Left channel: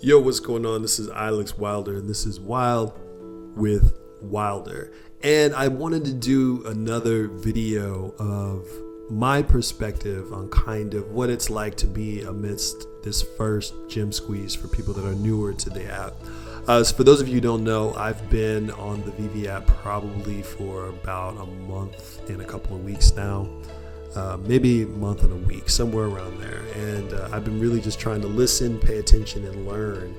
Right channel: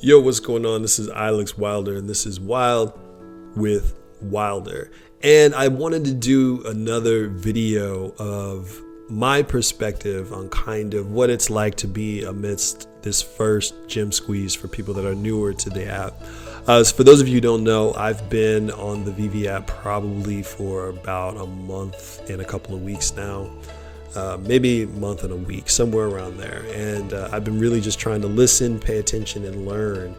Yo, what's going on? This is Alex Wilder, and this is Wild with Wilder. And I wanted to do another video of my perspective on kind of what it's like to be amidst this first gym squeeze for people that are newer to the app. So for those of you who don't know, I've been on the VeVe app probably for about a month and a couple of weeks now. Maybe a month and a week, somewhere around there. And I've been really just trying to listen, pay attention, and learn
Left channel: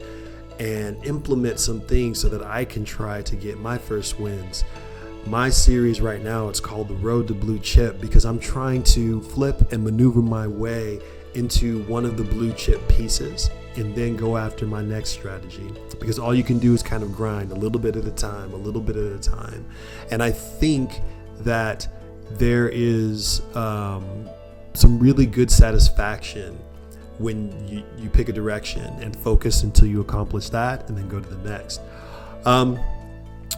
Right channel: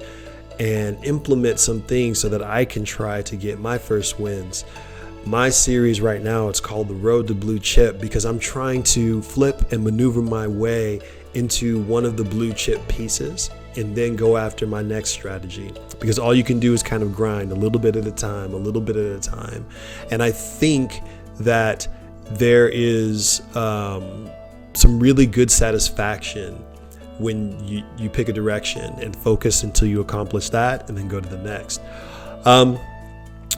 and implement some things so that I can try to get my first wins. My series right now, it's called The Road to Blue Chip, because I'm trying to flip and maneuver my way into one of the blue chip pieces and then go after my next strategy. Because all you can do is kind of grind a little bit at a time, a little bit at a time. And I think that there is some really good satisfaction when you pick a direction and focus until you accomplish that and then go to the next.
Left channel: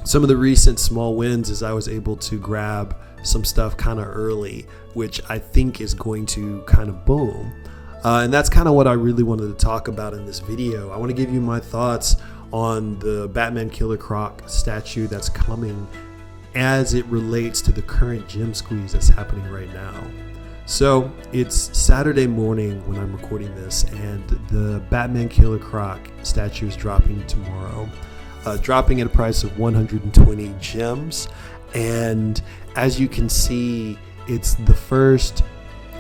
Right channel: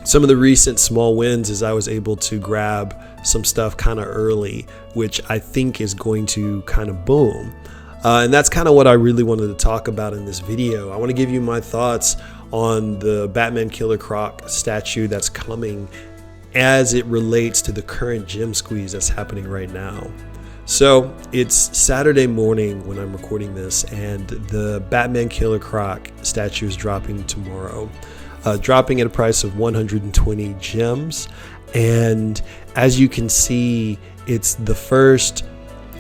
Some of the recent small wins is I was able to grab some stuff kind of early, which I think is going to kind of boom. And that's kind of what I really wanted to talk about in this video. I want to give you my thoughts on the Batman Killer Croc statue that's coming as it relates to the current gym squeeze that's happening right now. So it's Saturday morning when I'm recording this, and the Batman Killer Croc statue is dropping tomorrow, dropping at a price of 120 gems. And as you can see, it's the first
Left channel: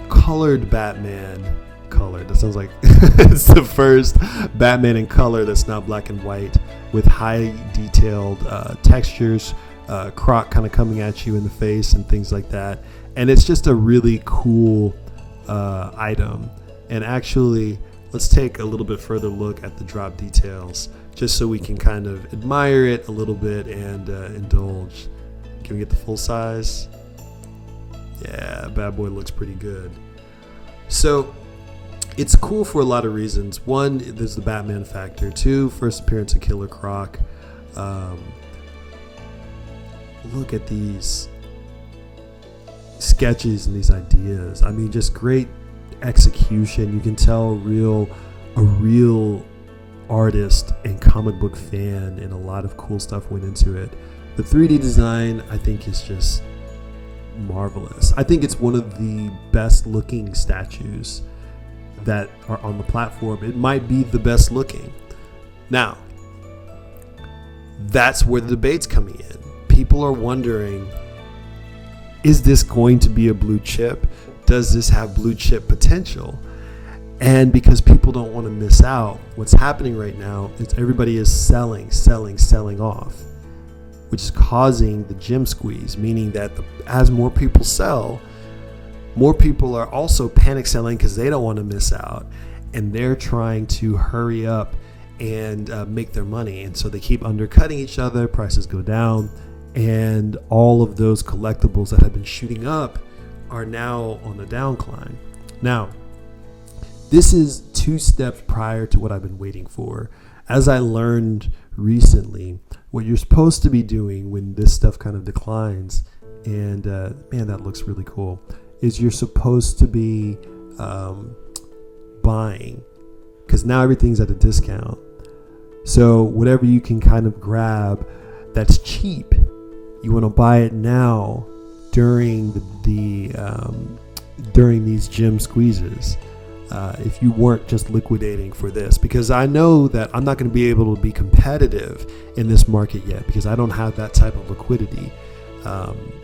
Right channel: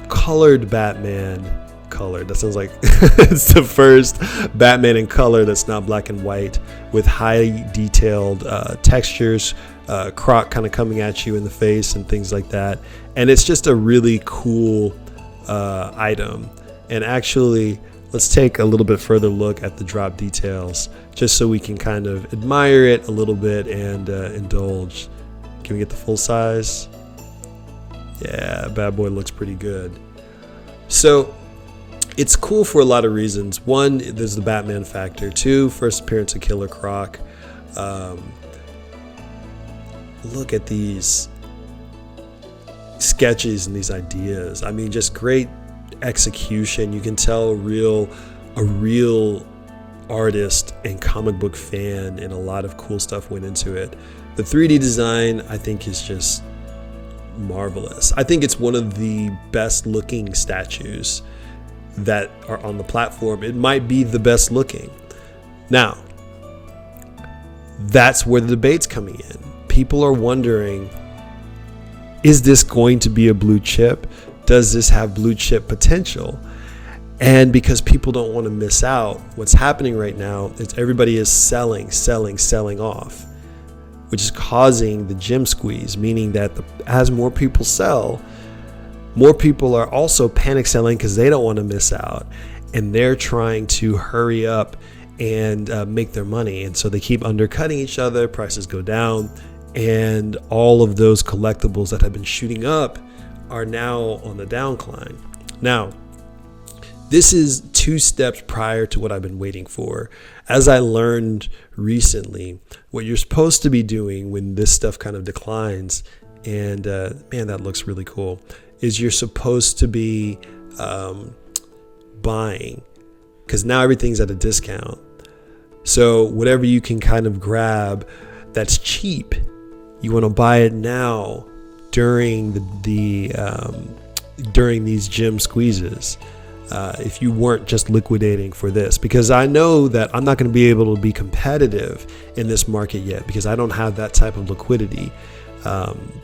colored Batman. Colored, that sounds like it's the first Batman in color that's not black and white, with high detailed textures, Croc kind of coming at you in the face and things like that. And it's just a really cool item. And actually, let's take a little bit further look at the drop details just so we can kind of admire it a little bit and indulge. Can we get the full size? Yeah, bad boy looks pretty good. So it's cool for a lot of reasons. One, there's the Batman factor. Two, first appearance of Killer Croc. Look at these sketches and these ideas. I mean, just great execution. You can tell a real artist and comic book fan, and a lot of cool stuff went into it. The 3D design, I think, is just marvelous. I think it's one of the best looking statues that are on the platform. It might be the best looking. Now, that's where the debate's coming in. People are wondering, is this going to be a blue chip? Does this have blue chip potential? And because people don't want to miss out, what's happening right now is everybody is selling off, which is causing the gym squeeze, meaning that as more people sell, more people are also panic selling because they don't want to miss out, and they're trying to hurry up and make their money. And so they keep undercutting each other, prices go down, and all of those collectibles that have been shooting up are now on the downcline. Now, this is 2 steps prior to what I've been waiting for. As I learned recently, what you're supposed to be doing when this stuff kind of declines, and man, that looks really cool, is you're supposed to be buying, because now everything's at a discount. So whatever you can kind of grab that's cheap, you want to buy it now during during these gym squeezes. If you weren't just liquidating for this, because I know that I'm not going to be able to be competitive in this market yet, because I don't have that type of liquidity.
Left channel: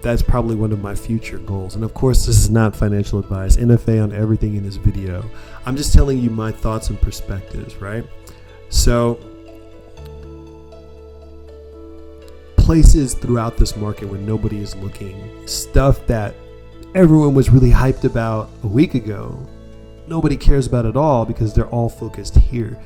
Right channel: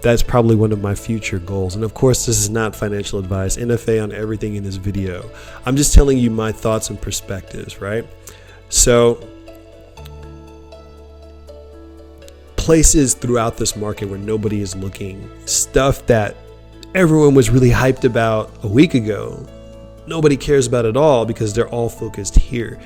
That's probably one of my future goals. And of course, this is not financial advice, NFA on everything in this video. I'm just telling you my thoughts and perspectives, right? So places throughout this market where nobody is looking, stuff that everyone was really hyped about a week ago, nobody cares about at all because they're all focused here.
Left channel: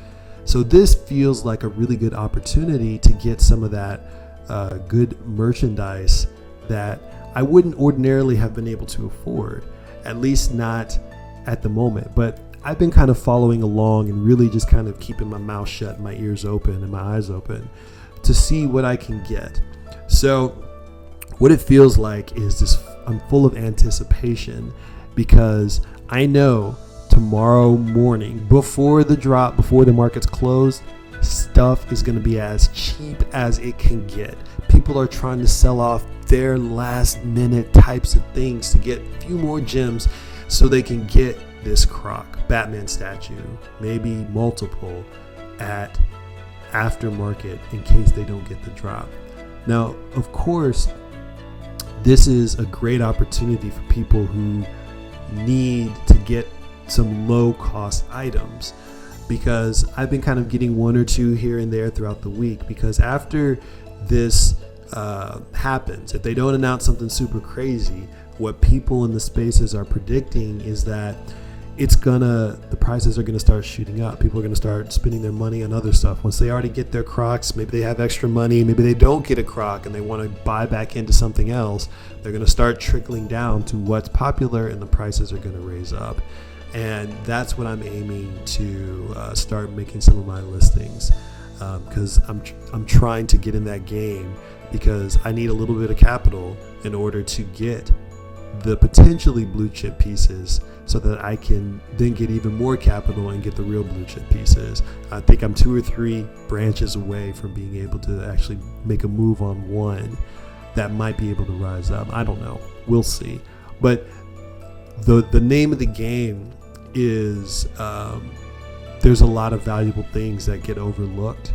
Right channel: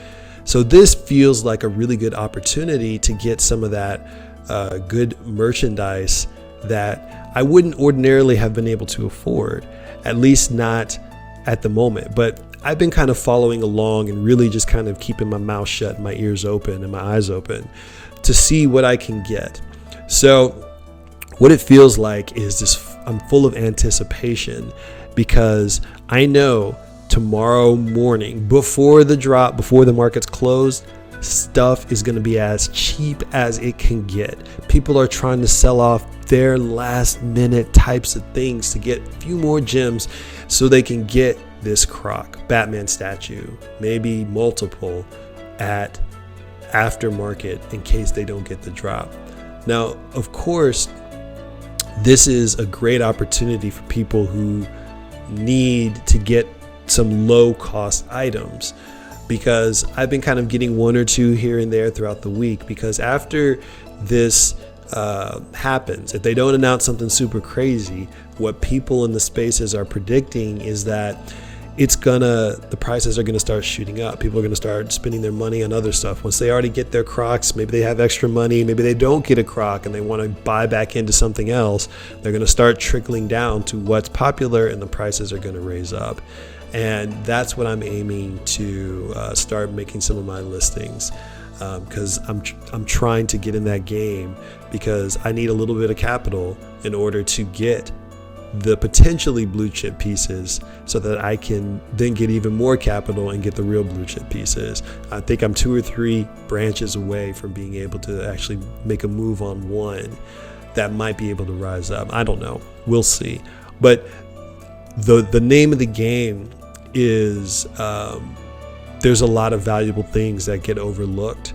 So this feels like a really good opportunity to get some of that good merchandise that I wouldn't ordinarily have been able to afford, at least not at the moment. But I've been kind of following along and really just kind of keeping my mouth shut, my ears open and my eyes open to see what I can get. So what it feels like is this I'm full of anticipation, because I know tomorrow morning, before the drop, before the market's closed, stuff is going to be as cheap as it can get. People are trying to sell off their last minute types of things to get a few more gems so they can get this Croc Batman statue, maybe multiple, at aftermarket in case they don't get the drop. Now, of course, this is a great opportunity for people who need to get some low cost items, because I've been kind of getting one or two here and there throughout the week, because after this happens, if they don't announce something super crazy, what people in the spaces are predicting is that the prices are gonna start shooting up. People are gonna start spending their money on other stuff. Once they already get their Crocs, maybe they have extra money, maybe they don't get a Croc and they wanna buy back into something else, they're gonna start trickling down to what's popular, and the prices are gonna raise up. And that's what I'm aiming to start making some of my listings, because I'm trying to get in that game, because I need a little bit of capital in order to get the potentially blue chip pieces, so that I can then get even more capital and get the real blue chip pieces. I think I'm 2 or 3 branches away from being able to actually make a move on one that might be able to rise up. I don't know, we'll see. But the name of the game is there's a lot of valuable things that get overlooked,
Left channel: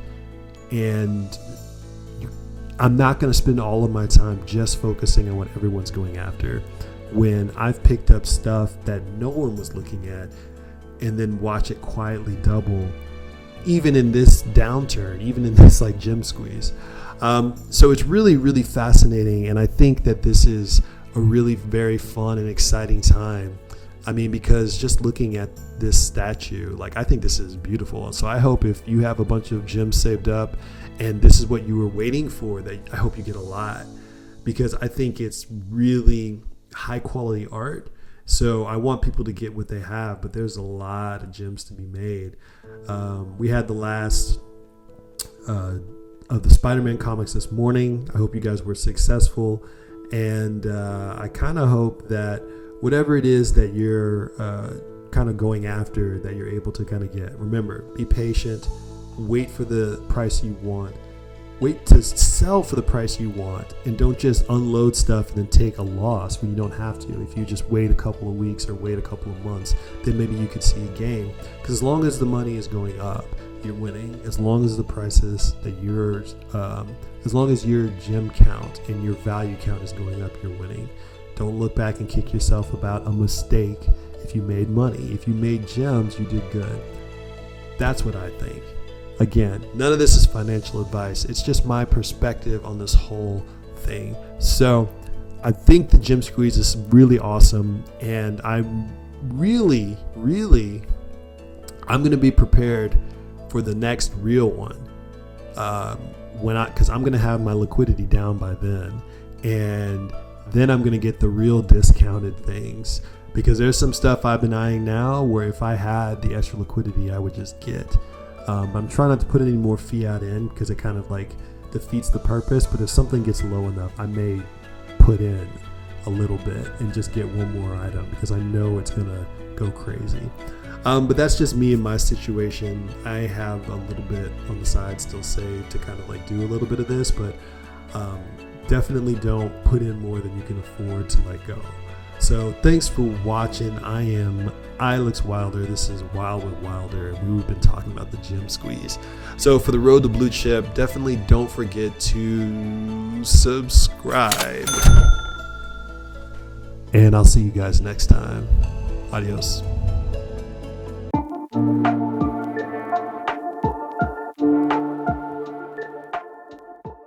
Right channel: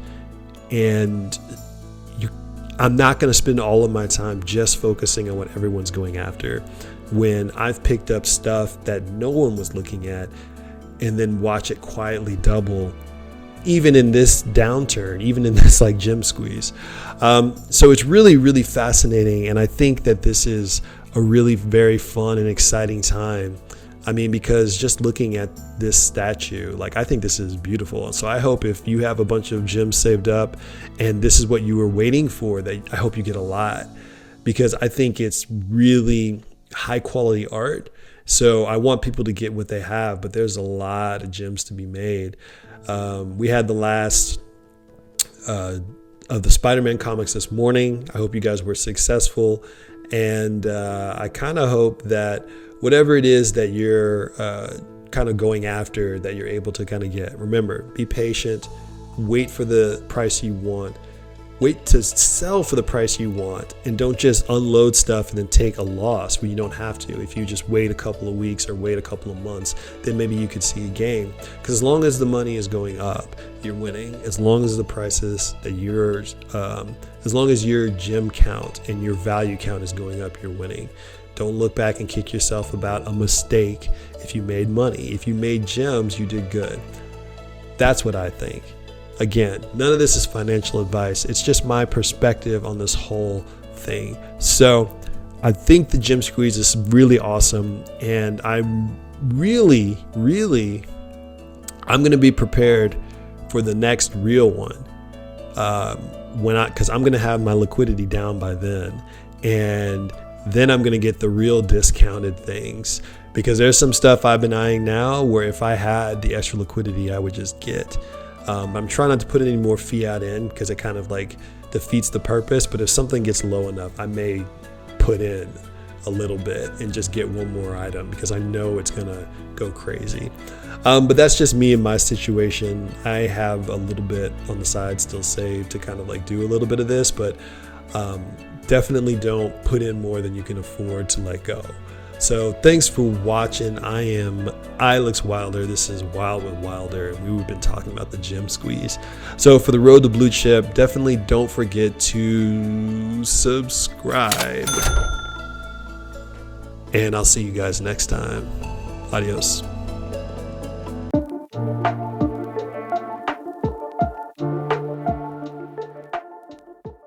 and I'm not going to spend all of my time just focusing on what everyone's going after, when I've picked up stuff that no one was looking at and then watch it quietly double, even in this downturn, even in this like gem squeeze. So it's really, really fascinating. And I think that this is a really very fun and exciting time. I mean, because just looking at this statue, like, I think this is beautiful. And so I hope if you have a bunch of gems saved up and this is what you were waiting for, that I hope you get a lot, because I think it's really high quality art. So I want people to get what they have, but there's a lot of gems to be made. We had the last of the Spider-Man comics this morning. I hope you guys were successful. And I kind of hope that whatever it is that you're kind of going after, that you're able to kind of get. Remember, be patient, wait for the price you want, wait to sell for the price you want, and don't just unload stuff and then take a loss when you don't have to. If you just wait a couple of weeks or wait a couple of months, then maybe you could see a gain. Because as long as the money is going up, you're winning. As long as the prices that as long as your gem count and your value count is going up, you're winning. Don't look back and kick yourself about a mistake if you made money. If you made gems, you did good. That's what I think. Again, none of this is financial advice. It's just my perspective on this whole thing. So I think the gem squeeze is really awesome. And I'm really, I'm going to be prepared for the next real one. Because I'm going to have my liquidity down by then. And then I'm going to get the real discounted things, because there's some stuff I've been eyeing now where if I had the extra liquidity, I would just get. I'm trying not to put any more fiat in, because it kind of like defeats the purpose. But if something gets low enough, I may put in a little bit and just get one more item, because I know it's going to go crazy. But that's just me in my situation. I have a little bit on the side still saved to kind of like do a little bit of this, but definitely don't put in more than you can afford to let go. So thanks for watching. I am Alex Wilder. This is Wild with Wilder. We've been talking about the gem squeeze. So for the road to blue chip, definitely don't forget to subscribe. And I'll see you guys next time. Adios.